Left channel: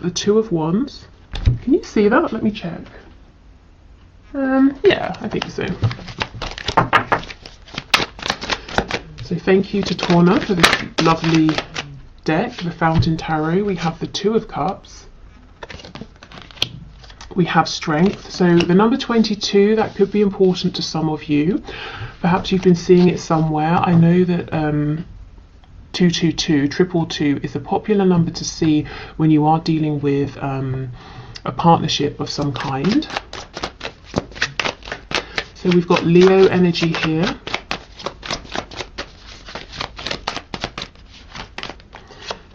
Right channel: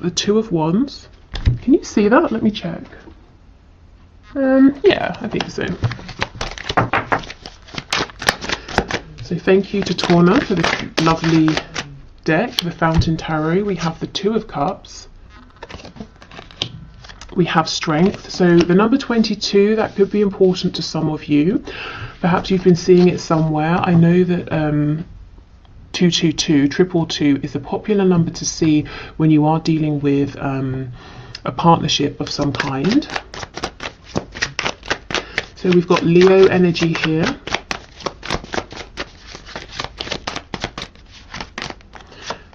have the Two of Wands. Can you see that? Let me check. Yeah, I think so. So thank you to Torna for this lovely deck, the Fountain Tarot. We have the Two of Cups. We have Strength. So the number 22, that could be important to some of you. Perhaps you've been seeing it somewhere. I know that 222, 222 is a popular number to see when you are dealing with a partnership of some kind. So we've got Leo energy here.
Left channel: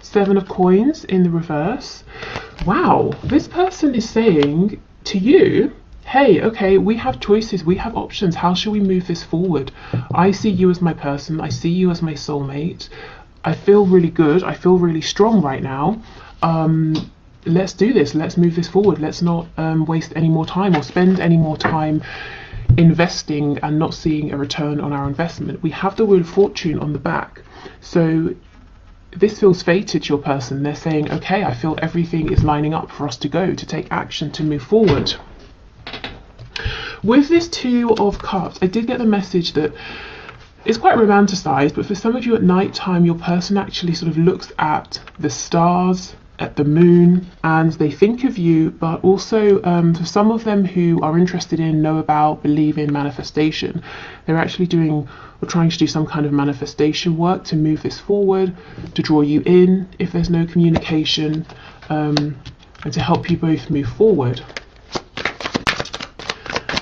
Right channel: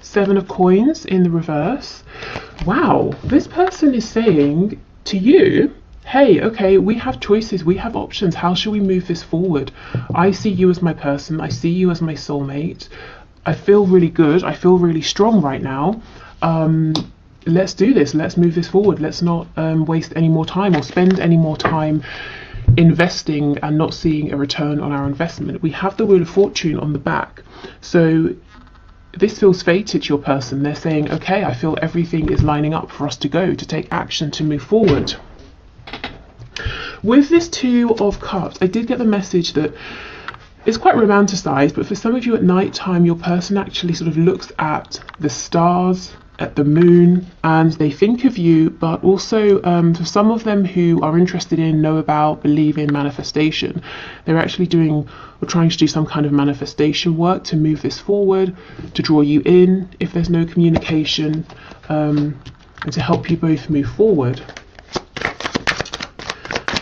Seven of Coins in the reverse. Wow, this person is saying to you, hey, okay, we have choices, we have options. How shall we move this forward? I see you as my person. I see you as my soulmate. I feel really good. I feel really strong right now. Let's do this. Let's move this forward. Let's not waste any more time or spend any more time investing and not seeing a return on our investment. We have the Wheel of Fortune on the back. So this feels fated to your person. They're saying, okay, I feel everything is lining up for us to go, to take action, to move forward. With this Two of Cups, I did get the message that it's quite romanticized, but for some of you at night time, your person actually sort of looks at the stars, at the moon, and they think of you, but also for some of them who are interested in, know about, believe in manifestation, they're actually doing or trying to do some kind of manifestation work to move this forward, to draw you in if there's no communication, and to help you both move forward.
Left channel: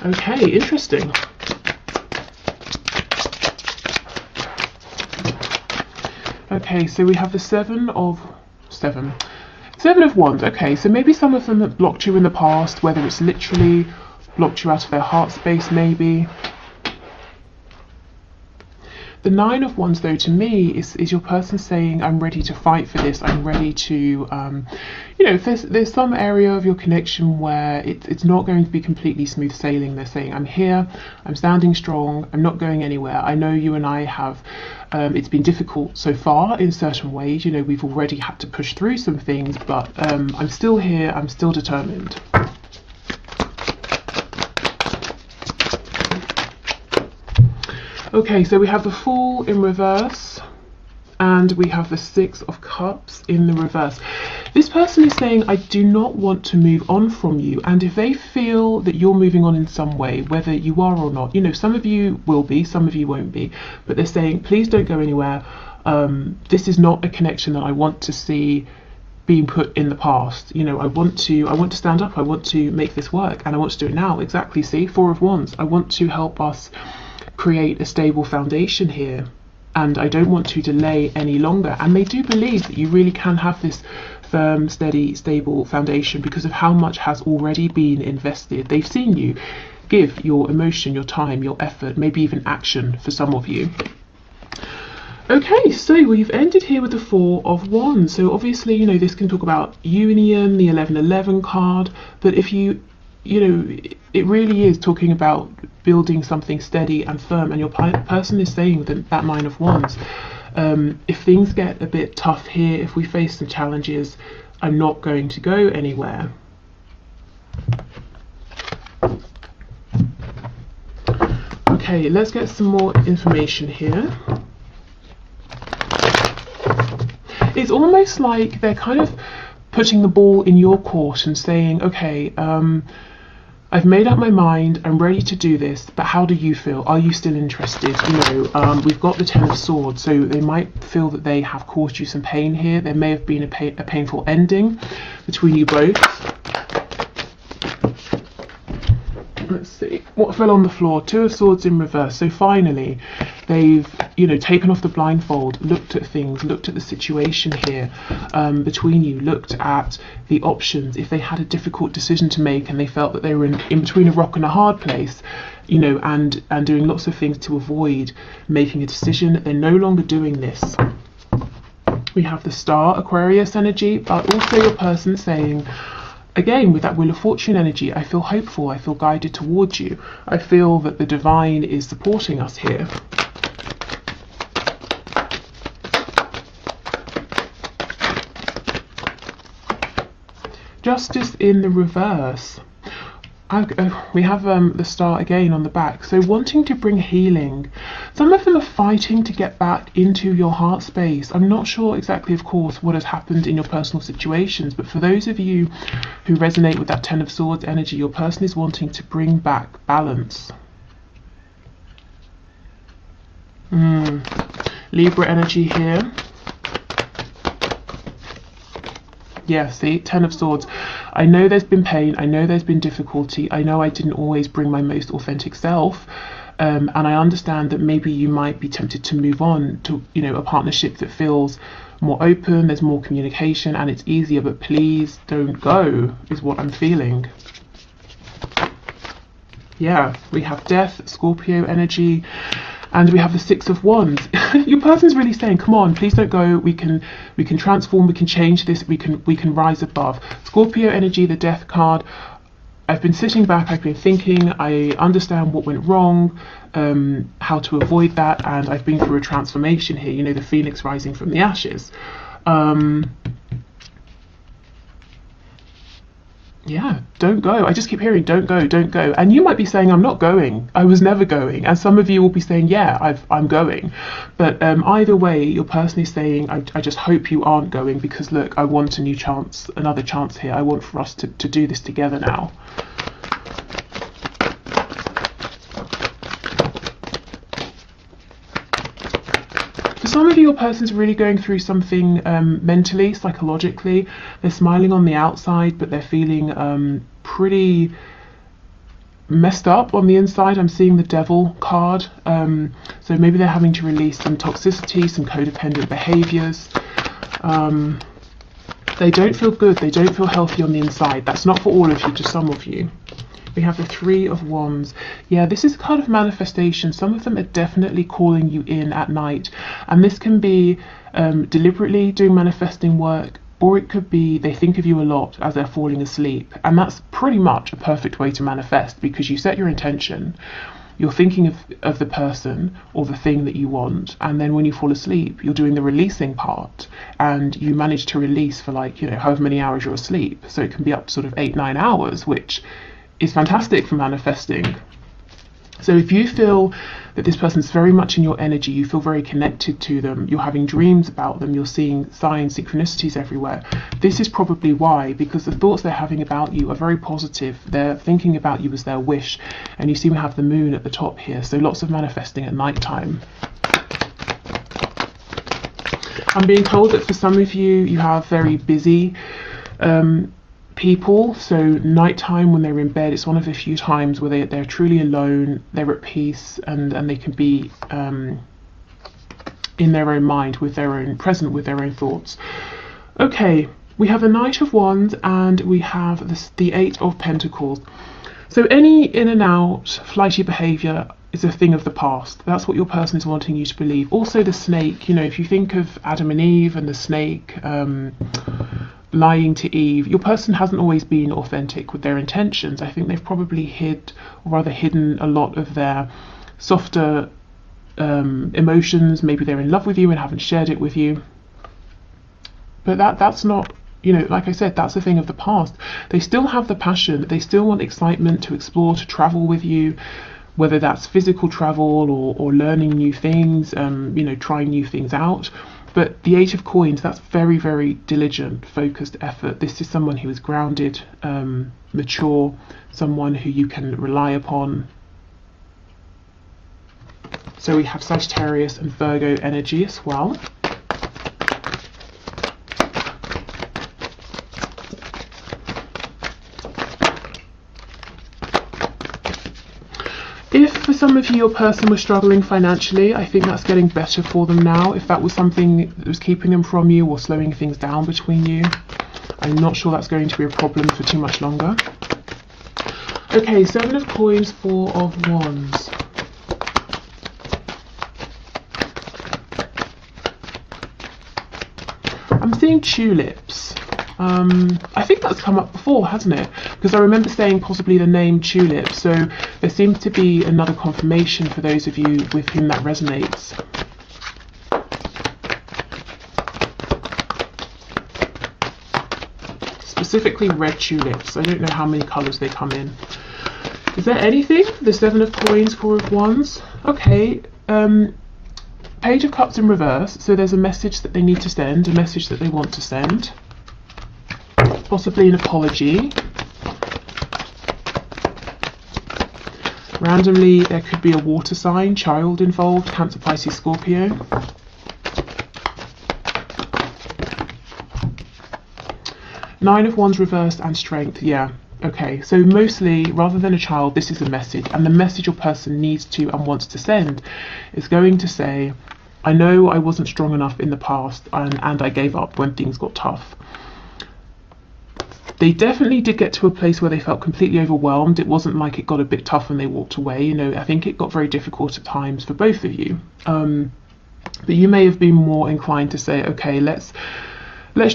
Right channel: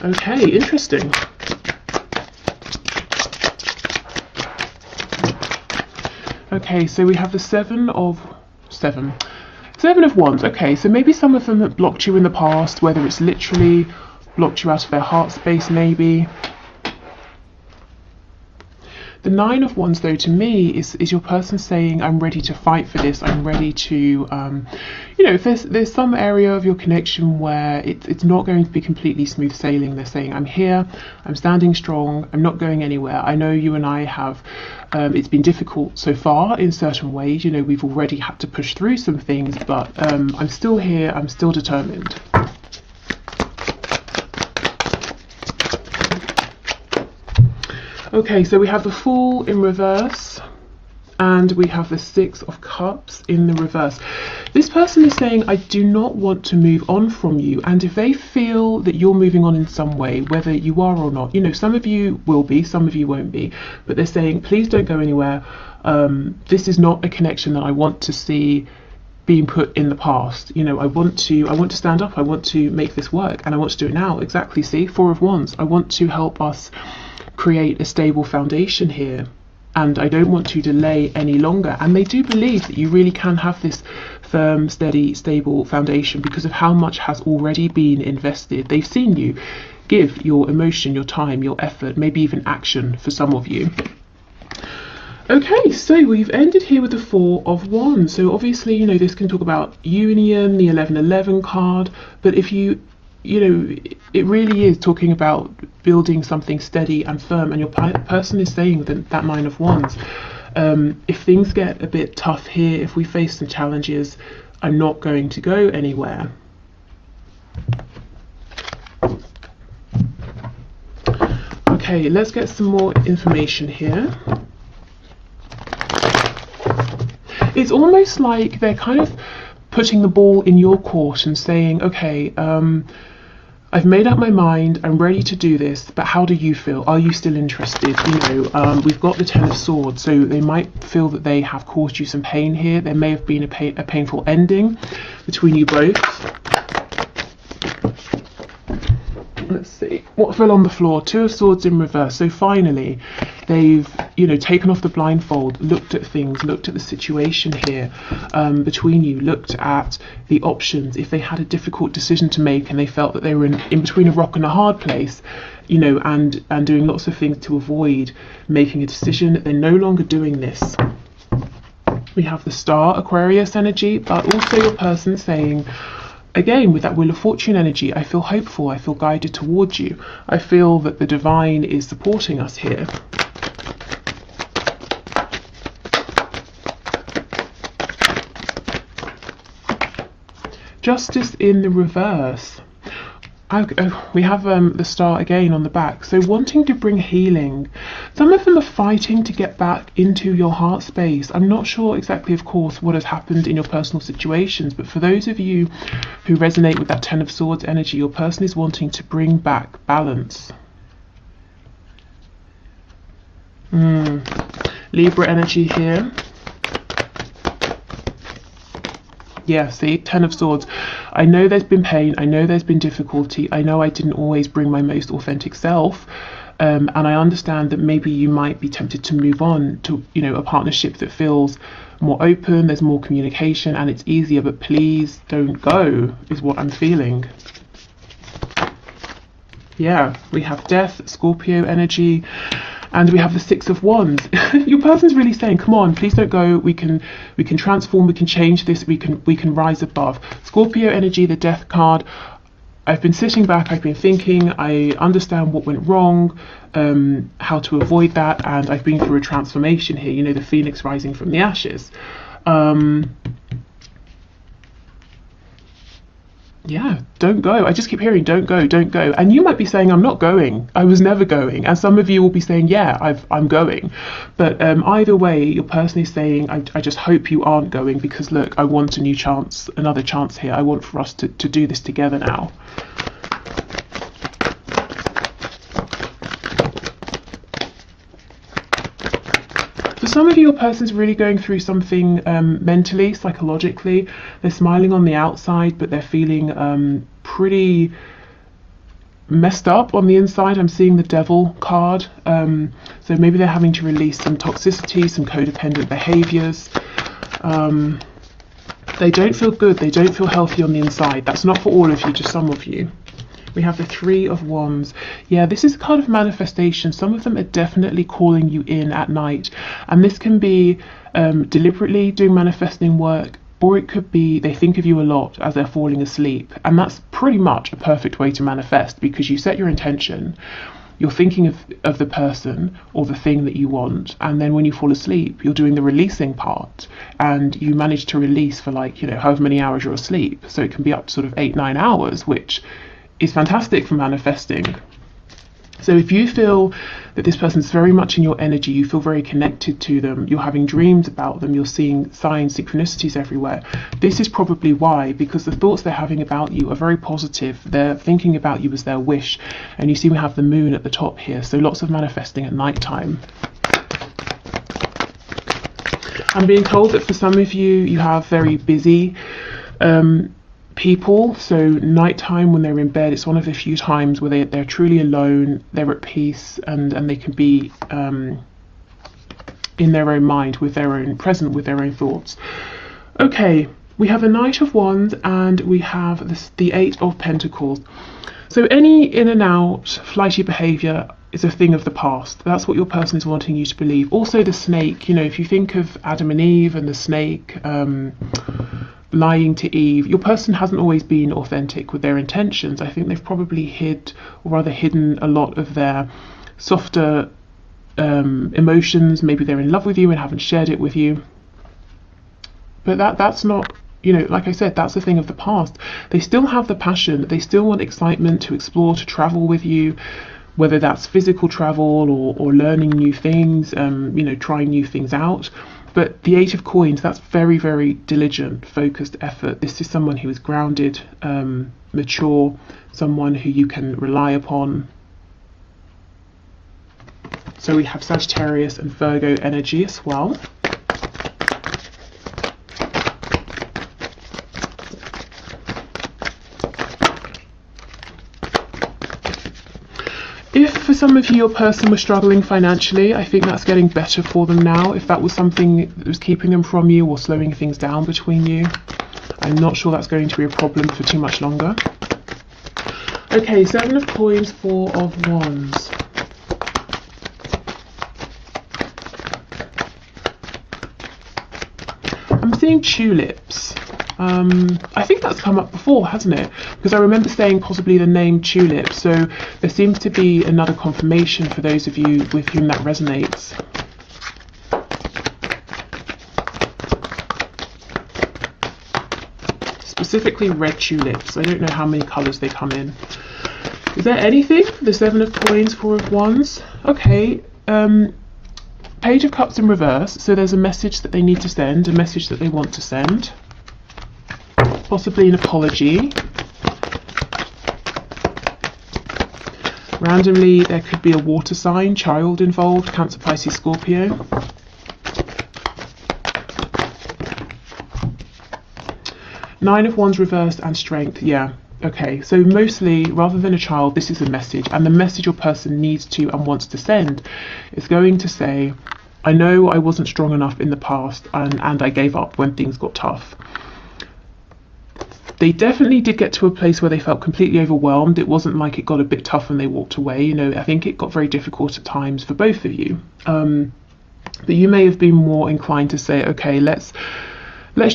Okay, interesting. Okay, so we have the Seven of Wands. Okay, so maybe some of them that blocked you in the past, whether it's literally blocked you out of their heart space, maybe. The Nine of Wands, though, to me is your person saying, I'm ready to fight for this. I'm ready to, you know, if there's some area of your connection where it's not going to be completely smooth sailing. They're saying, I'm here, I'm standing strong, I'm not going anywhere. I know you and I have, it's been difficult so far in certain ways. You know, we've already had to push through some things, but I'm still here, I'm still determined. Okay, so we have the Fool in reverse and we have the Six of Cups in the reverse. This person is saying, I do not want to move on from you. And if they feel that you're moving on in some way, whether you are or not, you know, some of you will be, some of you won't be, but they're saying, please don't go anywhere. This is not a connection that I want to see being put in the past. You know, I want to stand up, I want to make this work, and I want to do it now. Exactly, see, Four of Wands. I want to help us create a stable foundation here, and I don't want to delay any longer. And they do believe that you really can have this firm, steady, stable foundation because of how much has already been invested. They've seen you give your emotion, your time, your effort, maybe even action for some of you. Okay, so we've ended here with the Four of Wands. So obviously, you know, this can talk about union, the 1111 card, but if you know, it really is talking about building something steady and firm, and your person is saying that Nine of Wands. If things get a bit tough here, if we face some challenges, I'm not going to go anywhere. Okay, let's get some more information here. It's almost like they're kind of putting the ball in your court and saying, okay, I've made up my mind, I'm ready to do this, but how do you feel? Are you still interested? You know, we've got the Ten of Swords, so they might feel that they have caused you some pain here. There may have been a painful ending between you both. Let's see, what fell on the floor? Two of Swords in reverse. So finally, they've, you know, taken off the blindfold, looked at things, looked at the situation here between you, looked at the options. If they had a difficult decision to make and they felt that they were in between a rock and a hard place, you know, and doing lots of things to avoid making a decision, they're no longer doing this. We have the Star, Aquarius energy, but also your person saying, again, with that Wheel of Fortune energy, I feel hopeful, I feel guided towards you. I feel that the divine is supporting us here. Justice in the reverse. We have the star again on the back. So wanting to bring healing. Some of them are fighting to get back into your heart space. I'm not sure exactly, of course, what has happened in your personal situations, but for those of you who resonate with that Ten of Swords energy, your person is wanting to bring back balance. Libra energy here. Yeah, see, Ten of Swords. I know there's been pain. I know there's been difficulty. I know I didn't always bring my most authentic self. And I understand that maybe you might be tempted to move on to, a partnership that feels more open, there's more communication, and it's easier. But please don't go, is what I'm feeling. Yeah, we have Death, Scorpio energy. And we have the Six of Wands. Your person's really saying, come on, please don't go. We can transform, we can change this, we can rise above. Scorpio energy, the Death card. I've been sitting back, I've been thinking, I understand what went wrong, how to avoid that, and I've been through a transformation here, the phoenix rising from the ashes. Yeah, don't go. I just keep hearing, don't go, don't go. And you might be saying, I'm not going. I was never going. And some of you will be saying, yeah, I'm going. But either way, your person is saying, I just hope you aren't going, because look, I want a new chance, another chance here. I want for us to do this together now. For some of you, your person's really going through something mentally, psychologically. They're smiling on the outside, but they're feeling pretty messed up on the inside. I'm seeing the Devil card. So maybe they're having to release some toxicity, some codependent behaviors. They don't feel good. They don't feel healthy on the inside. That's not for all of you, just some of you. We have the Three of Wands. Yeah, this is kind of manifestation. Some of them are definitely calling you in at night. And this can be deliberately doing manifesting work, or it could be they think of you a lot as they're falling asleep. And that's pretty much a perfect way to manifest, because you set your intention, you're thinking of the person or the thing that you want, and then when you fall asleep, you're doing the releasing part, and you manage to release for however many hours you're asleep. So it can be up to sort of 8-9 hours, which is fantastic for manifesting. So if you feel that this person is very much in your energy, you feel very connected to them, you're having dreams about them, you're seeing signs, synchronicities everywhere, this is probably why, because the thoughts they're having about you are very positive. They're thinking about you as their wish. And you see we have the moon at the top here, so lots of manifesting at night time. I'm being told that for some of you, you have very busy people, so nighttime when they're in bed, it's one of the few times where they're truly alone, they're at peace, and they can be in their own mind, present with their own thoughts. Okay, we have a Knight of Wands, and we have the Eight of Pentacles. So any in and out flighty behavior is a thing of the past. That's what your person is wanting you to believe. Also the snake, if you think of Adam and Eve and the snake lying to Eve, your person hasn't always been authentic with their intentions. I think they've probably hidden a lot of their softer emotions. Maybe they're in love with you and haven't shared it with you. But that's not, like I said, that's a thing of the past. They still have the passion. They still want excitement to explore, to travel with you, whether that's physical travel or learning new things, trying new things out. But the Eight of Coins, that's very, very diligent, focused effort. This is someone who is grounded, mature, someone who you can rely upon. So we have Sagittarius and Virgo energy as well. If for some of you your person was struggling financially, I think that's getting better for them now. If that was something that was keeping them from you or slowing things down between you, I'm not sure that's going to be a problem for too much longer. Okay, Seven of Coins, Four of Wands. I'm seeing tulips. I think that's come up before, hasn't it? Because I remember saying possibly the name tulip, so there seems to be another confirmation for those of you with whom that resonates. specifically red tulips. I don't know how many colours they come in. Is there anything? The 7 of coins, 4 of wands. Okay. Page of cups in reverse. So there's a message that they need to send, a message that they want to send. Possibly an apology. Randomly, there could be a water sign, child involved, Cancer, Pisces, Scorpio. Nine of wands reversed and strength, yeah. Okay, so mostly, rather than a child, this is a message. And the message your person needs to and wants to send is going to say, I know I wasn't strong enough in the past and I gave up when things got tough. They definitely did get to a place where they felt completely overwhelmed. It wasn't like it got a bit tough and they walked away. You know, I think it got very difficult at times for both of you. But you may have been more inclined to say, okay, let's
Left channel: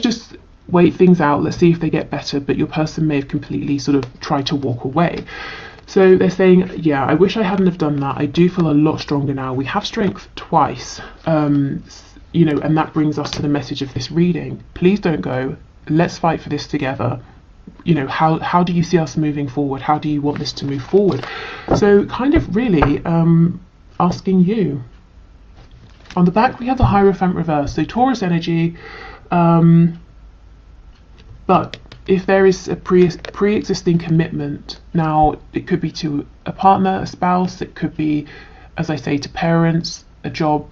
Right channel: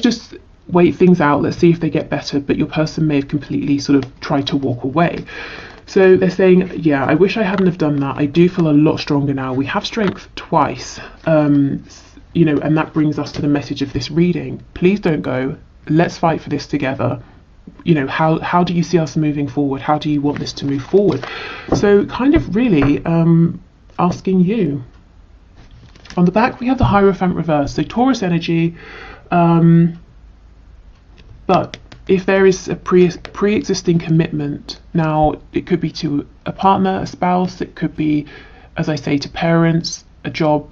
just wait things out. Let's see if they get better. But your person may have completely sort of tried to walk away. So they're saying, yeah, I wish I hadn't have done that. I do feel a lot stronger now. We have strength twice, you know, and that brings us to the message of this reading. Please don't go. Let's fight for this together. You know, how do you see us moving forward? How do you want this to move forward? So kind of really asking you. On the back, we have the Hierophant reverse. So Taurus energy, but if there is a pre-existing commitment, now it could be to a partner, a spouse, it could be, as I say, to parents, a job,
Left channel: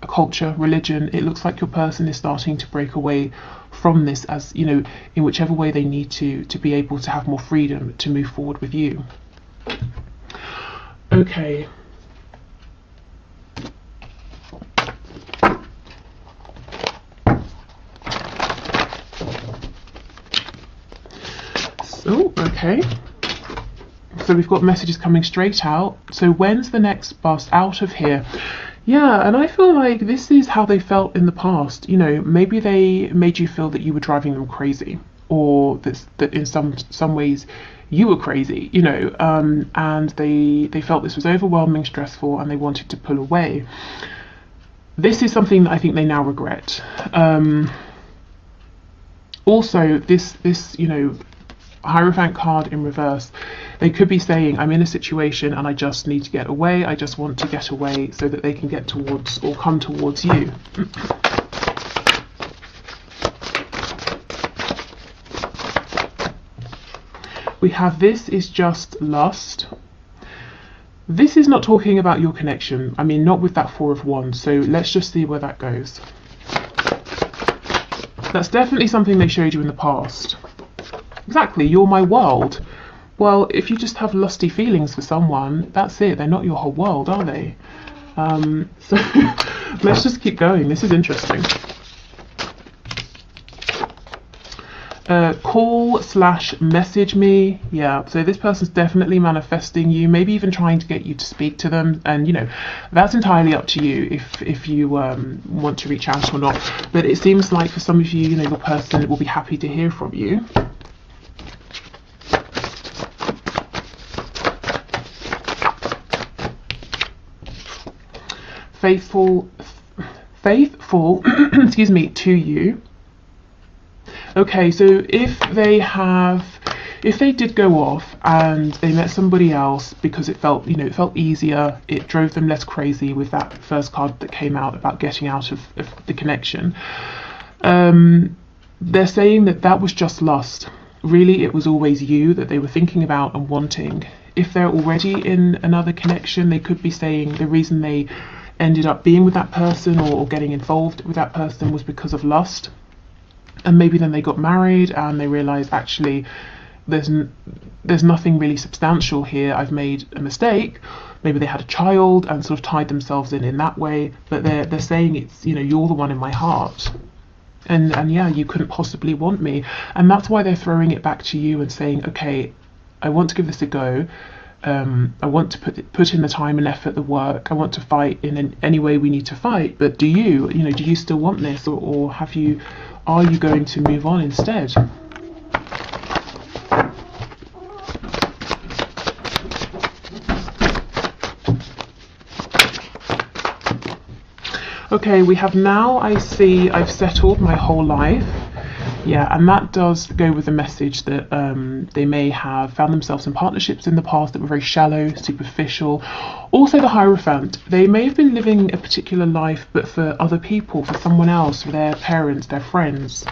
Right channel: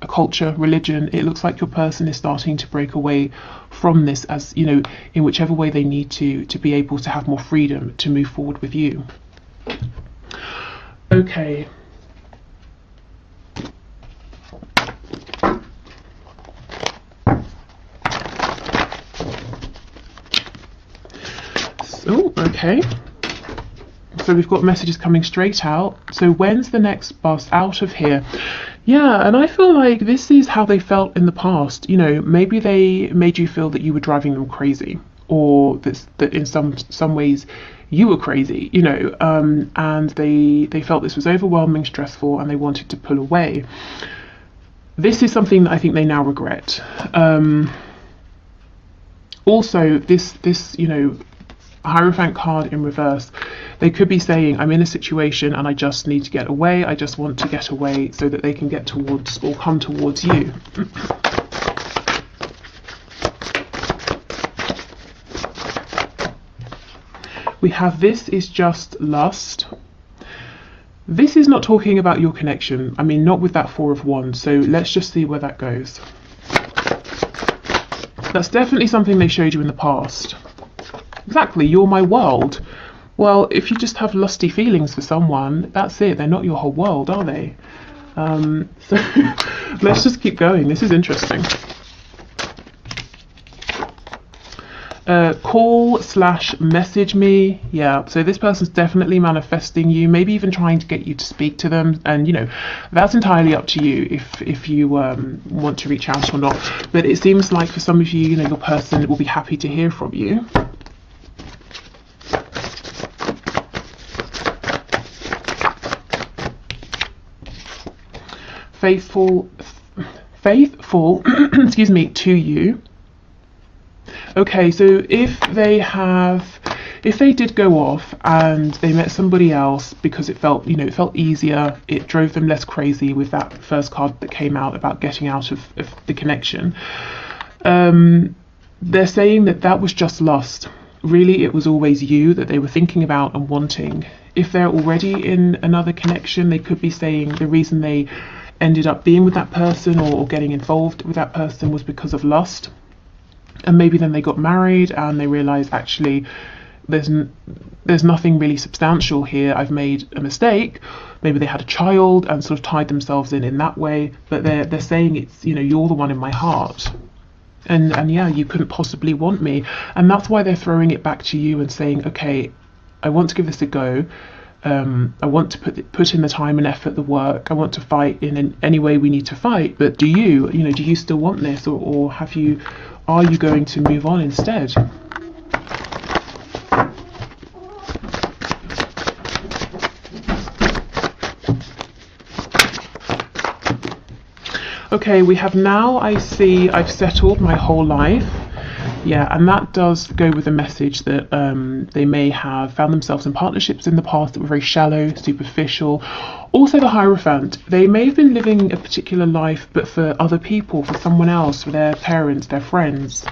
a culture, religion. It looks like your person is starting to break away from this, as you know, in whichever way they need to be able to have more freedom to move forward with you. Okay. Oh, okay. So we've got messages coming straight out. So when's the next bus out of here? Yeah, and I feel like this is how they felt in the past. You know, maybe they made you feel that you were driving them crazy, or that in some ways you were crazy, you know, and they felt this was overwhelming, stressful, and they wanted to pull away. This is something that I think they now regret. Also, this, you know, Hierophant card in reverse, they could be saying, I'm in a situation and I just need to get away. I just want to get away so that they can get towards or come towards you. We have this is just lust. This is not talking about your connection. I mean, not with that 4 of wands. So let's just see where that goes. That's definitely something they showed you in the past. Exactly, you're my world. Well, if you just have lusty feelings for someone, that's it. They're not your whole world, are they? So let's just keep going. This is interesting. Call/message me. Yeah, so this person's definitely manifesting you, maybe even trying to get you to speak to them. And, you know, that's entirely up to you if you want to reach out or not. But it seems like for some of you, you know, the person will be happy to hear from you. Faithful, excuse me, to you. Okay, so if they did go off and they met somebody else because it felt, you know, it felt easier, it drove them less crazy with that first card that came out about getting out of the connection, they're saying that was just lust. Really, it was always you that they were thinking about and wanting. If they're already in another connection, they could be saying the reason they ended up being with that person or getting involved with that person was because of lust. And maybe then they got married and they realized, actually, there's nothing really substantial here. I've made a mistake. Maybe they had a child and sort of tied themselves in that way. But they're saying it's, you know, you're the one in my heart. And yeah, you couldn't possibly want me. And that's why they're throwing it back to you and saying, okay, I want to give this a go. I want to put in the time and effort, the work. I want to fight in any way we need to fight. But do you still want this, or are you going to move on instead? Okay, we have now, I see, I've settled my whole life. Yeah, and that does go with the message that they may have found themselves in partnerships in the past that were very shallow, superficial. Also, the Hierophant, they may have been living a particular life, but for other people, for someone else, for their parents, their friends.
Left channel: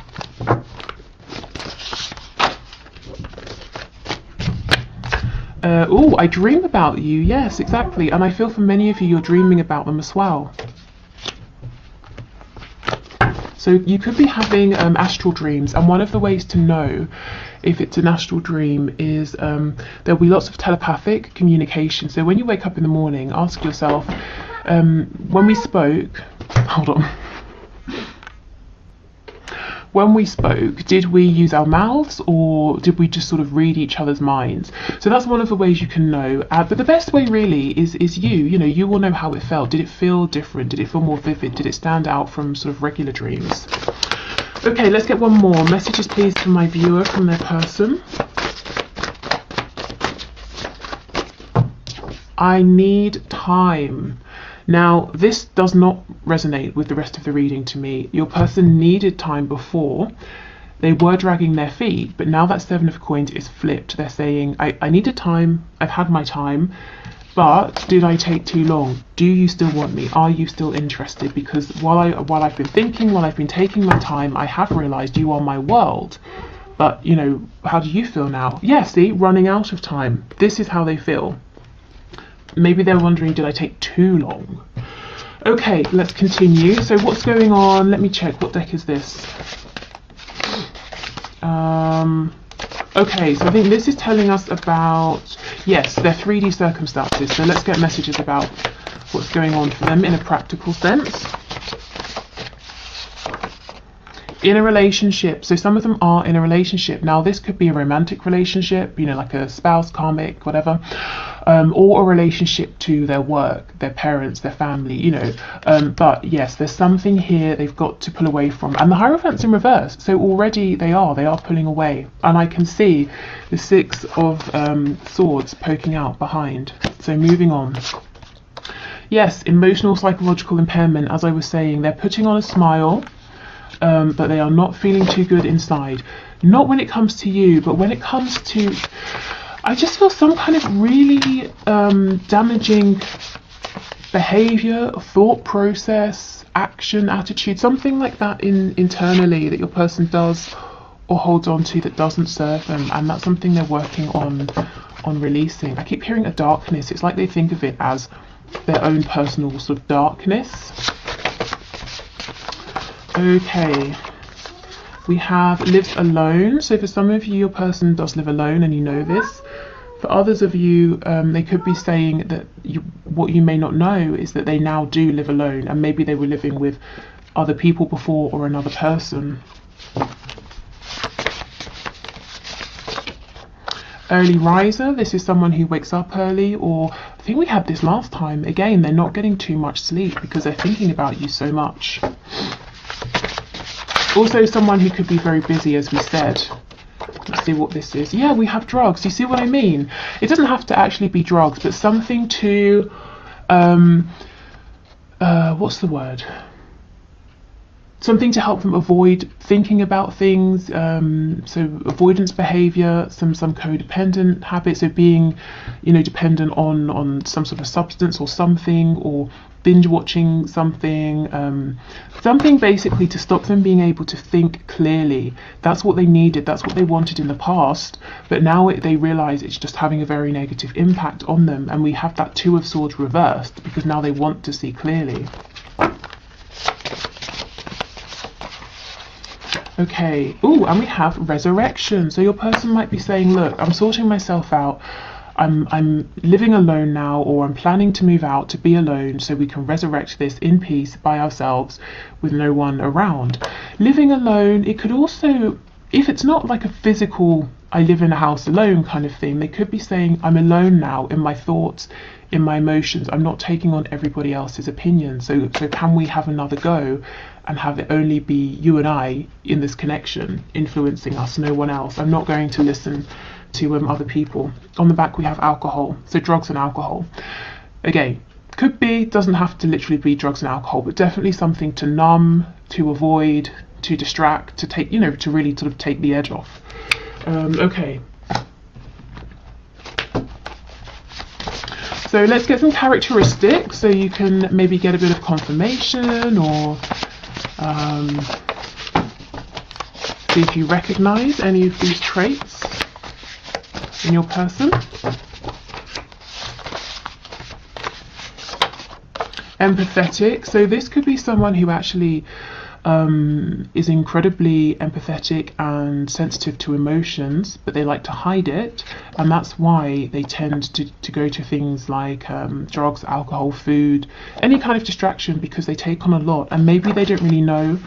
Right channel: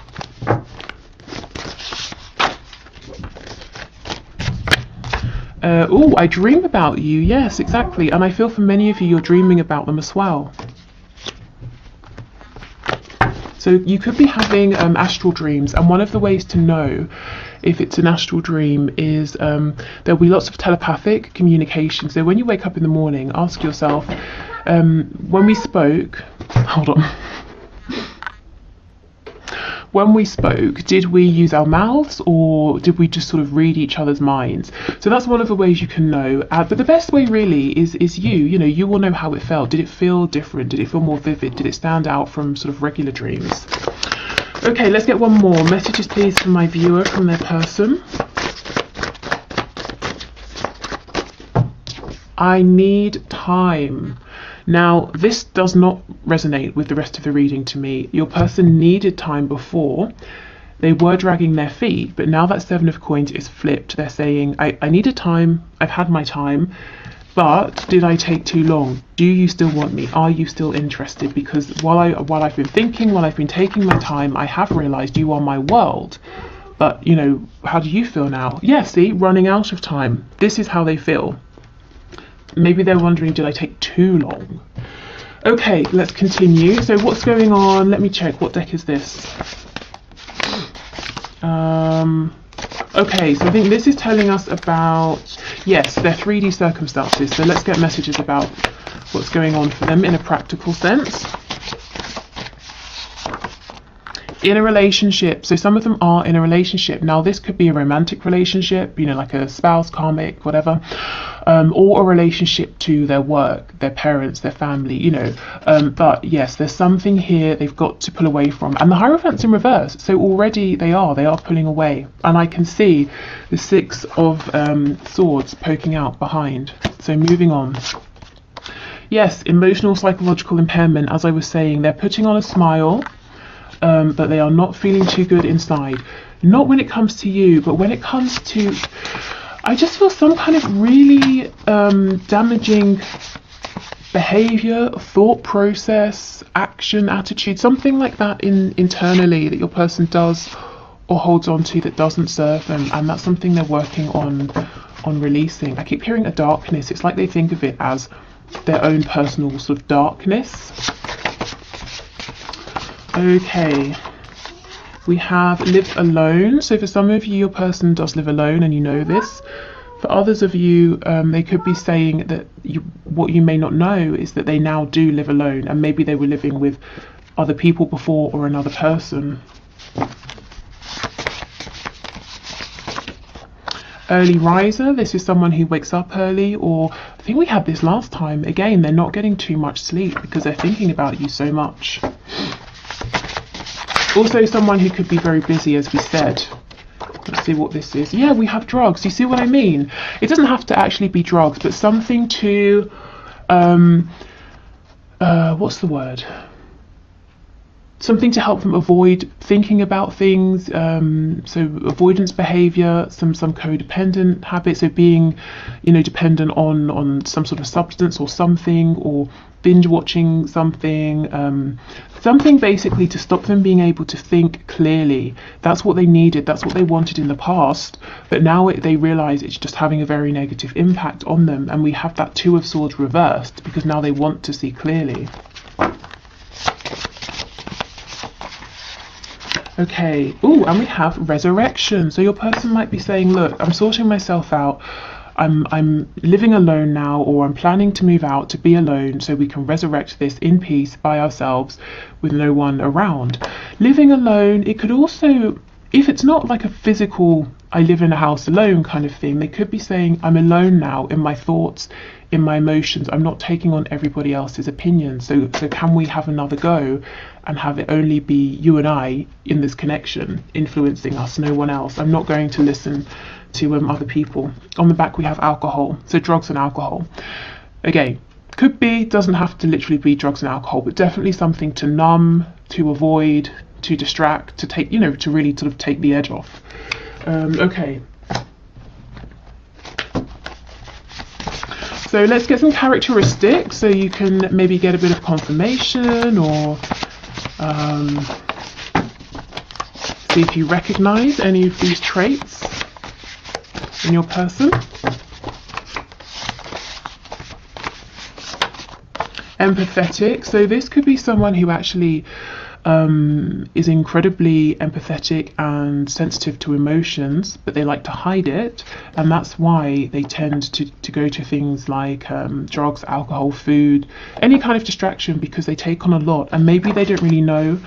Oh, I dream about you. Yes, exactly. And I feel for many of you, you're dreaming about them as well. So you could be having astral dreams, and one of the ways to know if it's an astral dream is there'll be lots of telepathic communication. So when you wake up in the morning, ask yourself, when we spoke, hold on. When we spoke, did we use our mouths or did we just sort of read each other's minds? So that's one of the ways you can know. But the best way really is you know, you will know how it felt. Did it feel different? Did it feel more vivid? Did it stand out from sort of regular dreams? Okay, let's get one more. Messages please to my viewer from their person. I need time. Now, this does not resonate with the rest of the reading to me. Your person needed time before. They were dragging their feet, but now that Seven of Coins is flipped, they're saying, I needed time, I've had my time, but did I take too long? Do you still want me? Are you still interested? Because while I've been thinking, while I've been taking my time, I have realised you are my world. But, you know, how do you feel now? Yeah, see, running out of time. This is how they feel. Maybe they're wondering, did I take too long? Okay, let's continue. So what's going on? Let me check. What deck is this? Okay, so I think this is telling us about, yes, their 3D circumstances. So let's get messages about what's going on for them in a practical sense. In a relationship, so some of them are in a relationship. Now this could be a romantic relationship, you know, like a spouse, karmic, whatever, or a relationship to their work, their parents, their family, you know, but yes, there's something here they've got to pull away from. And the Hierophant's in reverse, so already they are pulling away, and I can see the Six of Swords poking out behind. So moving on. Yes, emotional, psychological impairment, as I was saying, they're putting on a smile, but they are not feeling too good inside. Not when it comes to you, but when it comes to, I just feel some kind of really damaging behavior, thought process, action, attitude, something like that internally that your person does or holds on to that doesn't serve them, and that's something they're working on releasing. I keep hearing a darkness. It's like they think of it as their own personal sort of darkness. Okay, we have live alone. So for some of you, your person does live alone and you know this. For others of you, they could be saying that what you may not know is that they now do live alone, and maybe they were living with other people before or another person. Early riser, this is someone who wakes up early, or I think we had this last time. Again, they're not getting too much sleep because they're thinking about you so much. Also someone who could be very busy, as we said. Let's see what this is. Yeah, we have drugs. You see what I mean? It doesn't have to actually be drugs, but something to, what's the word? Something to help them avoid thinking about things, so avoidance behavior, some codependent habits of being, you know, dependent on some sort of substance or something, or binge watching something, something basically to stop them being able to think clearly. That's what they needed, that's what they wanted in the past, but now they realise it's just having a very negative impact on them, and we have that Two of Swords reversed because now they want to see clearly. Okay, oh, and we have resurrection. So your person might be saying, look, I'm sorting myself out. I'm living alone now, or I'm planning to move out to be alone so we can resurrect this in peace by ourselves with no one around. Living alone, it could also, if it's not like a physical, I live in a house alone kind of thing, they could be saying, I'm alone now in my thoughts, in my emotions. I'm not taking on everybody else's opinion. So can we have another go and have it only be you and I in this connection, influencing us, no one else? I'm not going to listen to other people. On the back we have alcohol, so drugs and alcohol. Again, could be, doesn't have to literally be drugs and alcohol, but definitely something to numb, to avoid, to distract, to take, you know, to really sort of take the edge off. Okay. So let's get some characteristics so you can maybe get a bit of confirmation, or see if you recognize any of these traits in your person. Empathetic. So this could be someone who actually is incredibly empathetic and sensitive to emotions, but they like to hide it, and that's why they tend to go to things like drugs, alcohol, food, any kind of distraction, because they take on a lot, and maybe they don't really know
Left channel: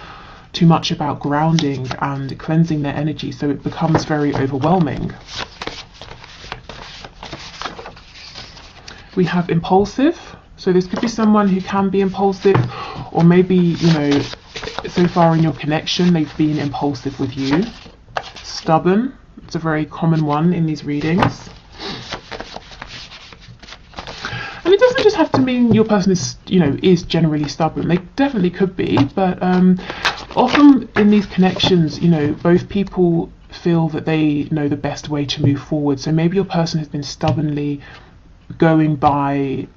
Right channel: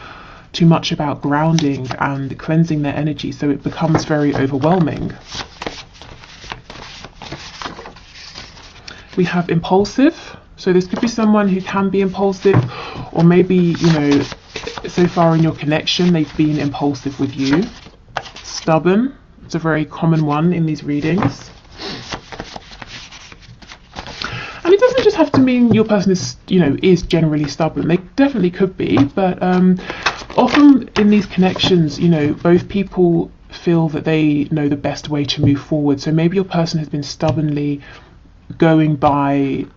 too much about grounding and cleansing their energy, so it becomes very overwhelming. We have impulsive. So this could be someone who can be impulsive, or maybe, you know, so far in your connection they've been impulsive with you. Stubborn. It's a very common one in these readings. And it doesn't just have to mean your person is, you know, is generally stubborn. They definitely could be, but often in these connections, you know, both people feel that they know the best way to move forward. So maybe your person has been stubbornly going by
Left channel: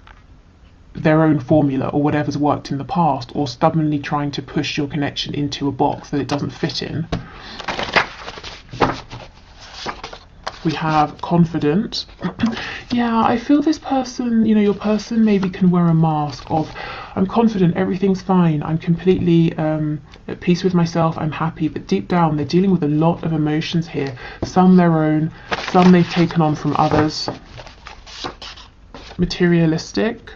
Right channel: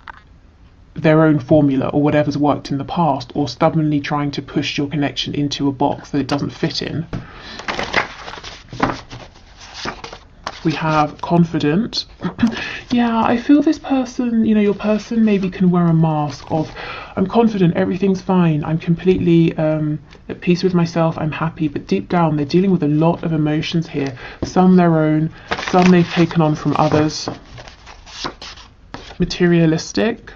their own formula or whatever's worked in the past, or stubbornly trying to push your connection into a box that it doesn't fit in. We have confident. Yeah, I feel this person, you know, your person maybe can wear a mask of, I'm confident, everything's fine, I'm completely at peace with myself, I'm happy, but deep down they're dealing with a lot of emotions here, some their own, some they've taken on from others. Materialistic.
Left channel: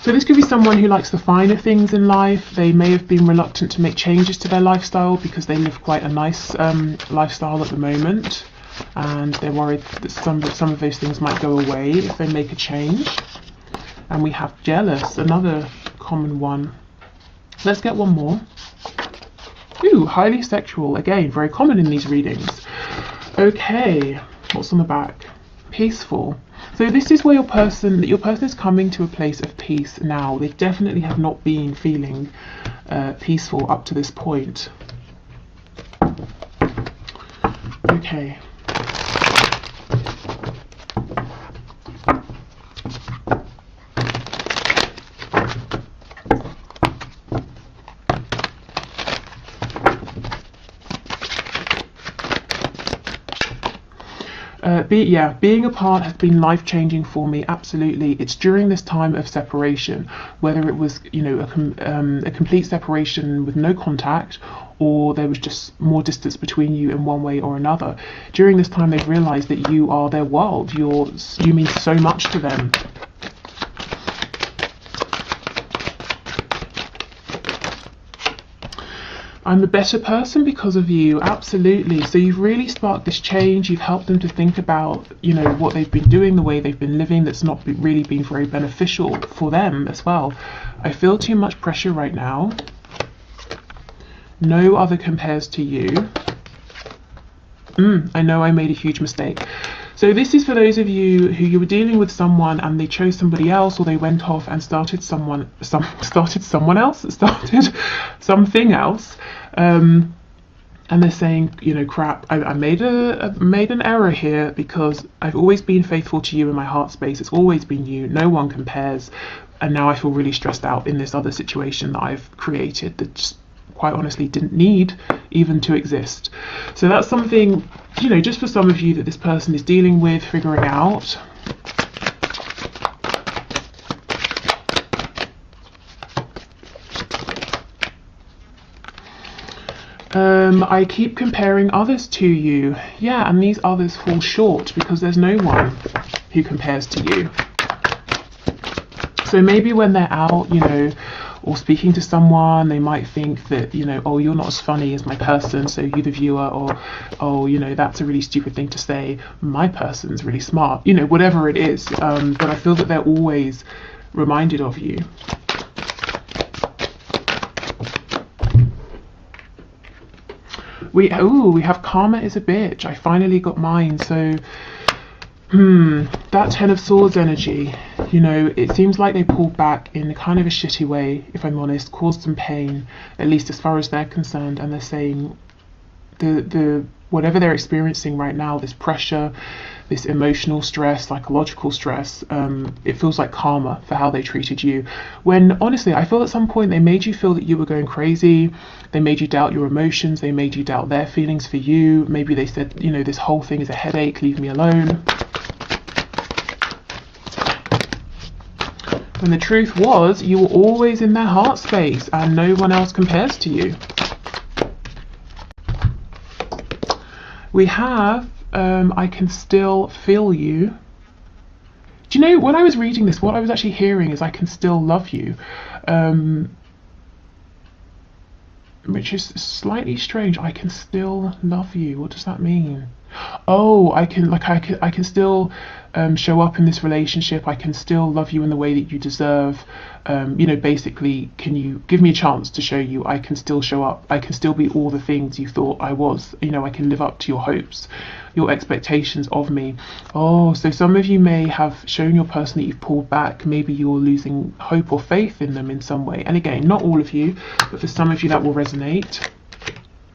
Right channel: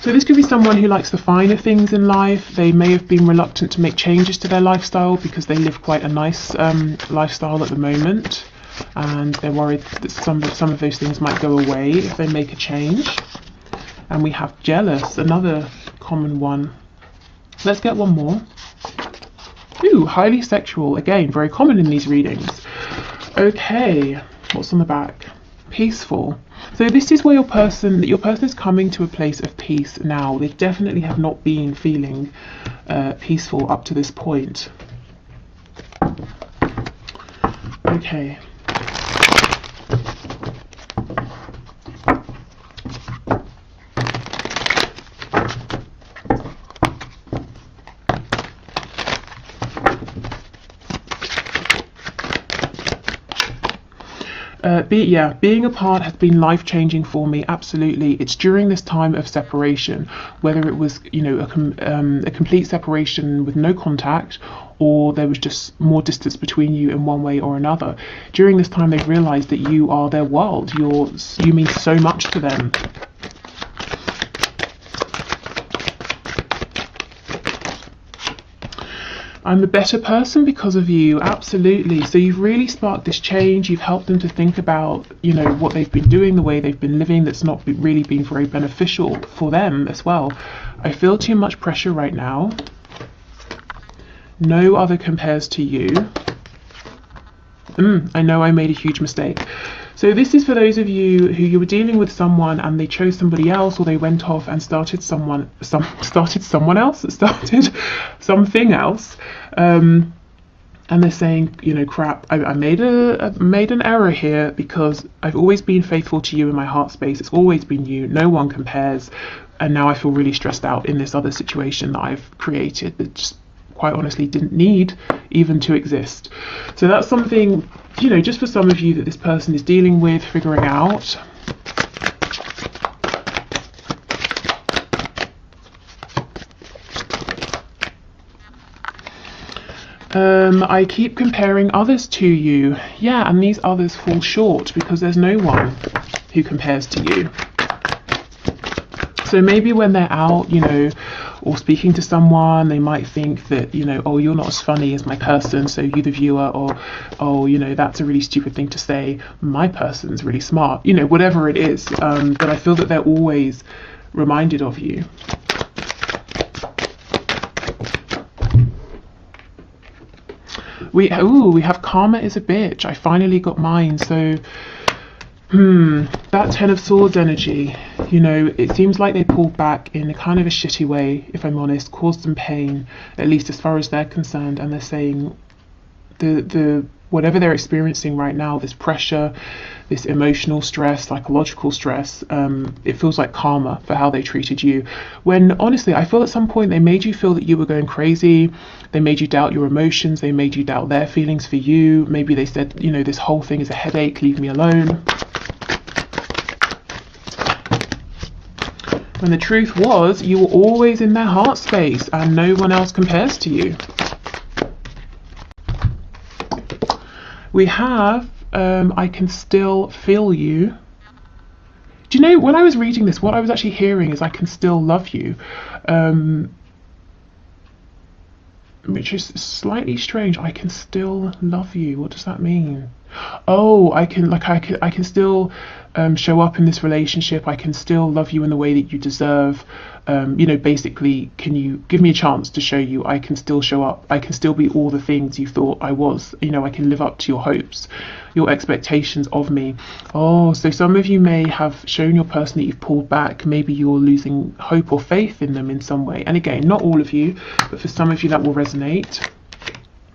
So this could be someone who likes the finer things in life. They may have been reluctant to make changes to their lifestyle because they live quite a nice lifestyle at the moment, and they're worried that some of those things might go away if they make a change. And we have jealous, another common one. Let's get one more. Ooh, highly sexual, again, very common in these readings. Okay, what's on the back? Peaceful. So this is where your person is coming to a place of peace now. They definitely have not been feeling peaceful up to this point. Okay. Being apart has been life-changing for me, absolutely. It's during this time of separation, whether it was, you know, a complete separation with no contact, or there was just more distance between you in one way or another. During this time they've realised that you are their world, you mean so much to them. I'm a better person because of you, absolutely. So you've really sparked this change. You've helped them to think about, you know, what they've been doing, the way they've been living, that's not really been very beneficial for them as well. I feel too much pressure right now. No other compares to you. I know I made a huge mistake. So this is for those of you who you were dealing with someone and they chose somebody else, or they went off and started something else, and they're saying, you know, crap, I made an error here, because I've always been faithful to you in my heart space. It's always been you. No one compares, and now I feel really stressed out in this other situation that I've created that just quite honestly didn't need even to exist. So that's something, you know, just for some of you that this person is dealing with, figuring out. I keep comparing others to you. Yeah, and these others fall short because there's no one who compares to you. So maybe when they're out, you know, or speaking to someone, they might think that, you know, oh, you're not as funny as my person, so you the viewer, or, oh, you know, that's a really stupid thing to say, my person's really smart, you know, whatever it is. But I feel that they're always reminded of you. We have karma is a bitch. I finally got mine. So That Ten of Swords energy, you know, it seems like they pulled back in a kind of a shitty way, if I'm honest, caused some pain, at least as far as they're concerned, and they're saying the whatever they're experiencing right now, this pressure, this emotional stress, psychological stress, it feels like karma for how they treated you. When honestly, I feel at some point they made you feel that you were going crazy, they made you doubt your emotions, they made you doubt their feelings for you. Maybe they said, you know, this whole thing is a headache, leave me alone. When the truth was, you were always in their heart space and no one else compares to you. We have, I can still feel you. Do you know, when I was reading this, what I was actually hearing is I can still love you. Which is slightly strange. I can still love you. What does that mean? Oh, I can still show up in this relationship. I can still love you in the way that you deserve. You know, basically, can you give me a chance to show you I can still show up? I can still be all the things you thought I was. You know, I can live up to your hopes, your expectations of me. Oh, so some of you may have shown your person that you've pulled back. Maybe you're losing hope or faith in them in some way. And again, not all of you, but for some of you that will resonate.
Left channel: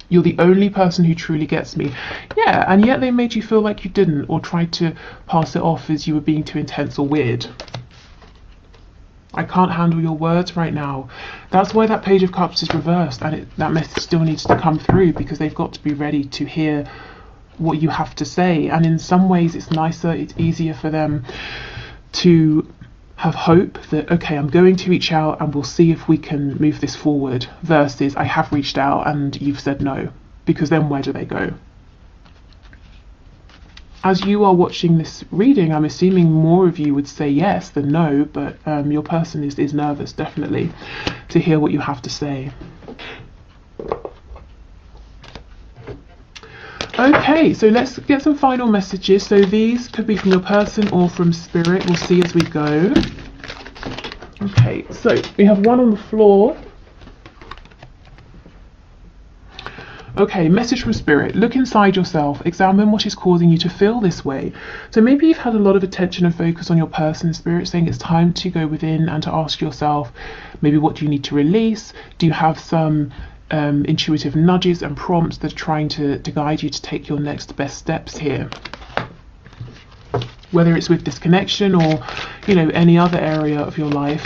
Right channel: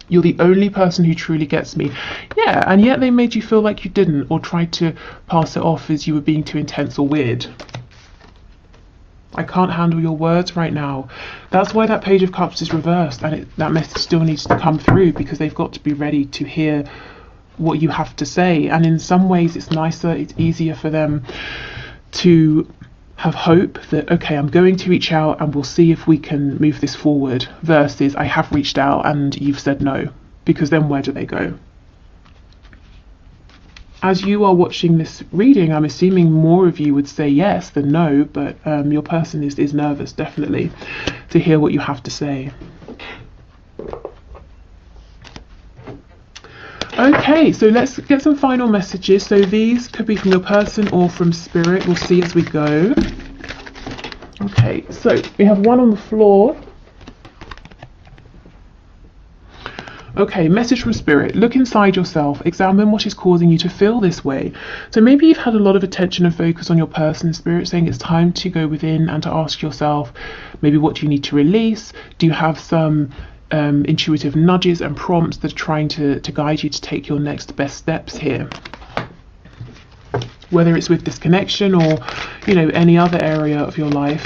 You're the only person who truly gets me. Yeah, and yet they made you feel like you didn't, or tried to pass it off as you were being too intense or weird. I can't handle your words right now. That's why that Page of Cups is reversed, and that message still needs to come through, because they've got to be ready to hear what you have to say. And in some ways it's nicer, it's easier for them to have hope that, okay, I'm going to reach out and we'll see if we can move this forward, versus I have reached out and you've said no, because then where do they go? As you are watching this reading, I'm assuming more of you would say yes than no, but your person is nervous, definitely, to hear what you have to say. Okay, so let's get some final messages. So these could be from your person or from spirit. We'll see as we go. Okay, so we have one on the floor. Okay, message from spirit. Look inside yourself. Examine what is causing you to feel this way. So maybe you've had a lot of attention and focus on your person. Spirit saying it's time to go within and to ask yourself, maybe what do you need to release? Do you have some intuitive nudges and prompts that are trying to guide you to take your next best steps here? Whether it's with this connection or, you know, any other area of your life.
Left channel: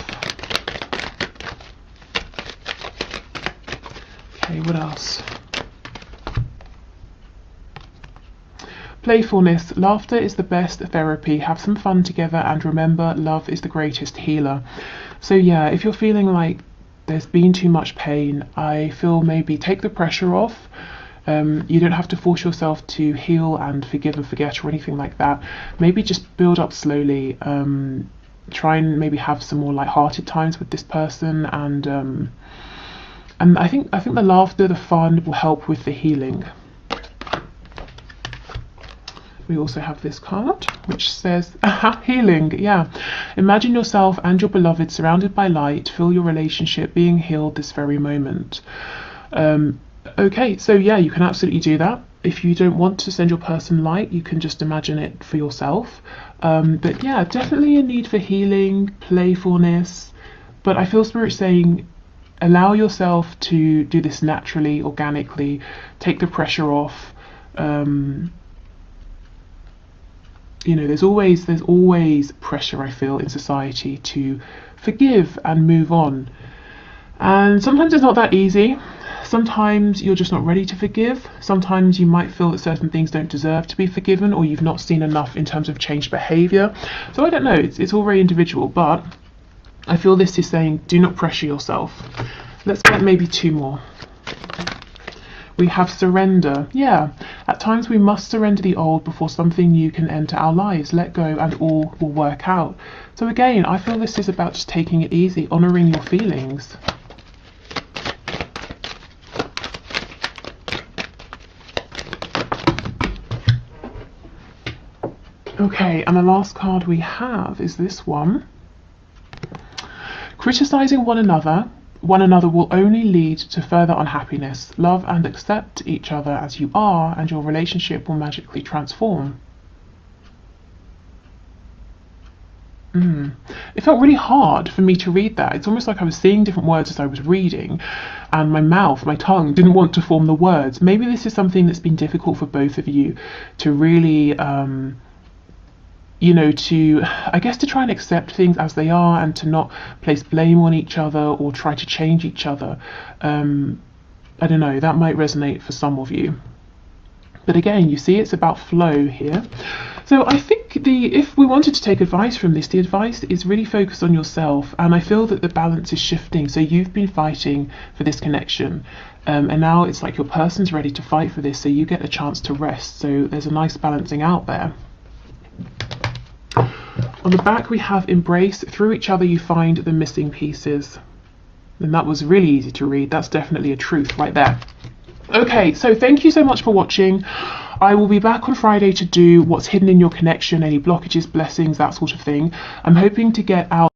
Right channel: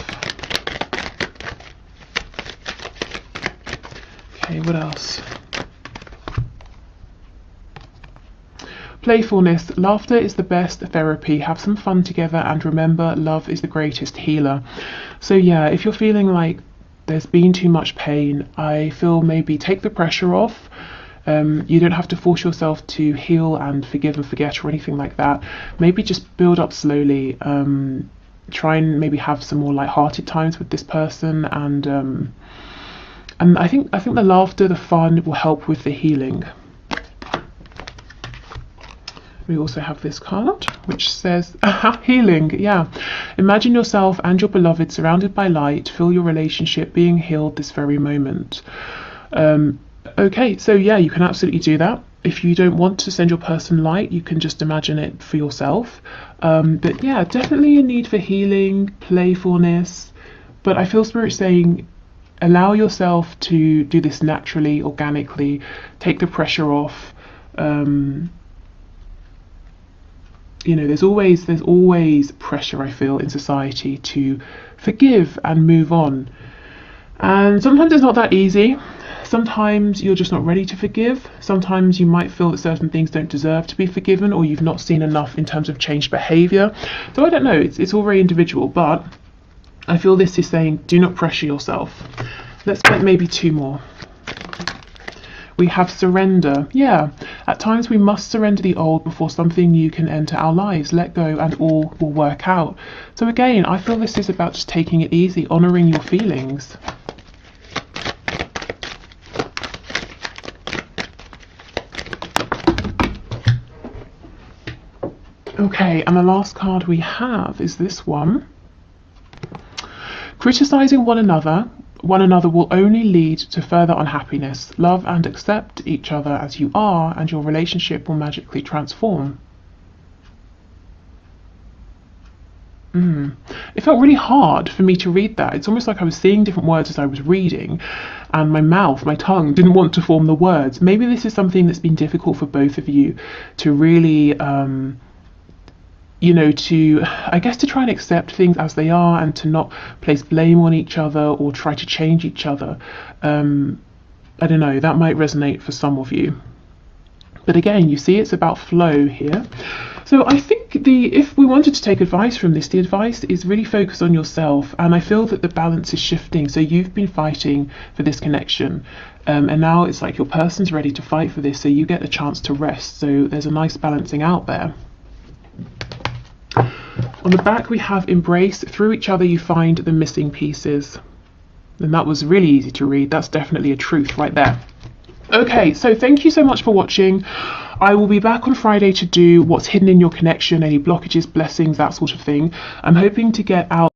Okay, what else? Playfulness. Laughter is the best therapy. Have some fun together, and remember, love is the greatest healer. So yeah, if you're feeling like there's been too much pain, I feel maybe take the pressure off. You don't have to force yourself to heal and forgive and forget or anything like that. Maybe just build up slowly. Try and maybe have some more light-hearted times with this person, and I think the laughter, the fun will help with the healing. We also have this card which says healing. Yeah, imagine yourself and your beloved surrounded by light. Feel your relationship being healed this very moment. Okay, so yeah, you can absolutely do that. If you don't want to send your person light, you can just imagine it for yourself. But yeah, definitely a need for healing, playfulness. But I feel spirit saying, allow yourself to do this naturally, organically. Take the pressure off. You know, there's always pressure, I feel, in society to forgive and move on. And sometimes it's not that easy. Sometimes you're just not ready to forgive. Sometimes you might feel that certain things don't deserve to be forgiven, or you've not seen enough in terms of changed behaviour. So I don't know, it's all very individual, but I feel this is saying, do not pressure yourself. Let's get maybe two more. We have surrender. Yeah, at times we must surrender the old before something new can enter our lives. Let go and all will work out. So again, I feel this is about just taking it easy, honouring your feelings. Okay, and the last card we have is this one. Criticizing one another will only lead to further unhappiness. Love and accept each other as you are, and your relationship will magically transform. It felt really hard for me to read that. It's almost like I was seeing different words as I was reading, and my tongue didn't want to form the words. Maybe this is something that's been difficult for both of you to really, I guess, to try and accept things as they are and to not place blame on each other or try to change each other. I don't know, that might resonate for some of you. But again, you see, it's about flow here. So I think if we wanted to take advice from this, the advice is really focused on yourself. And I feel that the balance is shifting. So you've been fighting for this connection. And now it's like your person's ready to fight for this. So you get a chance to rest. So there's a nice balancing out there. On the back, we have embrace. Through each other, you find the missing pieces. And that was really easy to read. That's definitely a truth right there. Okay, so thank you so much for watching. I will be back on Friday to do what's hidden in your connection, any blockages, blessings, that sort of thing. I'm hoping to get out